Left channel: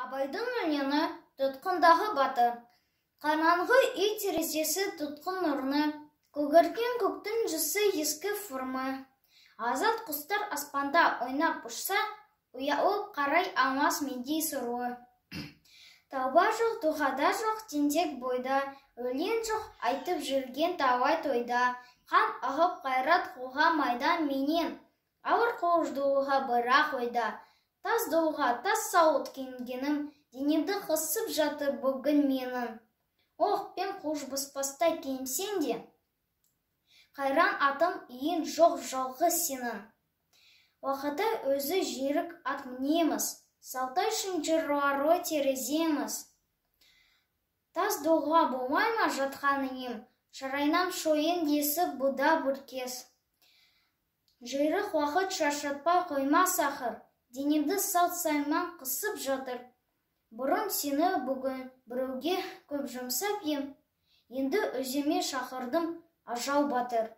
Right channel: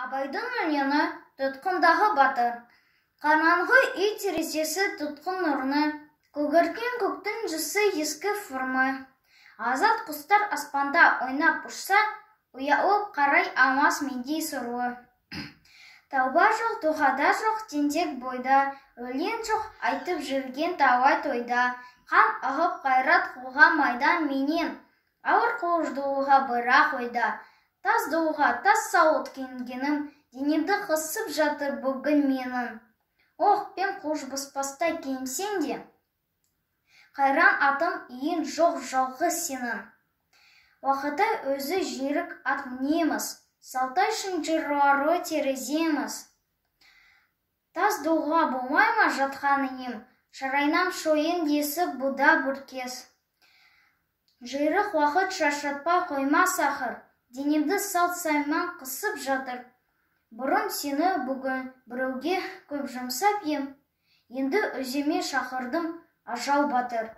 Абайдың өлеңі тұтқындағы батыр. Қараңғы үй терезесі тұтқын нұрны, көгерген көктің жысы ескі формы. Азат құстар аспанда ойнап ұшса, ұялып қарай алмас мендей соруы. Тауба жоқ, дұғада жоқ, тентек бойда, өлең жоқ, айтып жүрген талай тойда. Қан ағып қайрат қуға майдан менен, ауыр қуыждуға бірақ ойда. Тас доуға, тас сауыт кенгенім, денемді қысып жатыр бүгін менің. Ох, пен қуыш бұспастай кемсен де, қайран атым иін жоқ жалғыз сенің. Уақыты өзі жерік ат мінеміз, салтай шынжырлары тереземіз. Тас доуға болмай ма жатқан ем, шарайнам шойын десіп бұда бүркес. Жайрық уақыт шаршатпа қойма сақыр, денемді салт сайман қысып жатыр. Бұрын сені бүгін біреуге көп жұмсап ем, енді өзіме шақырдым ажал батыр.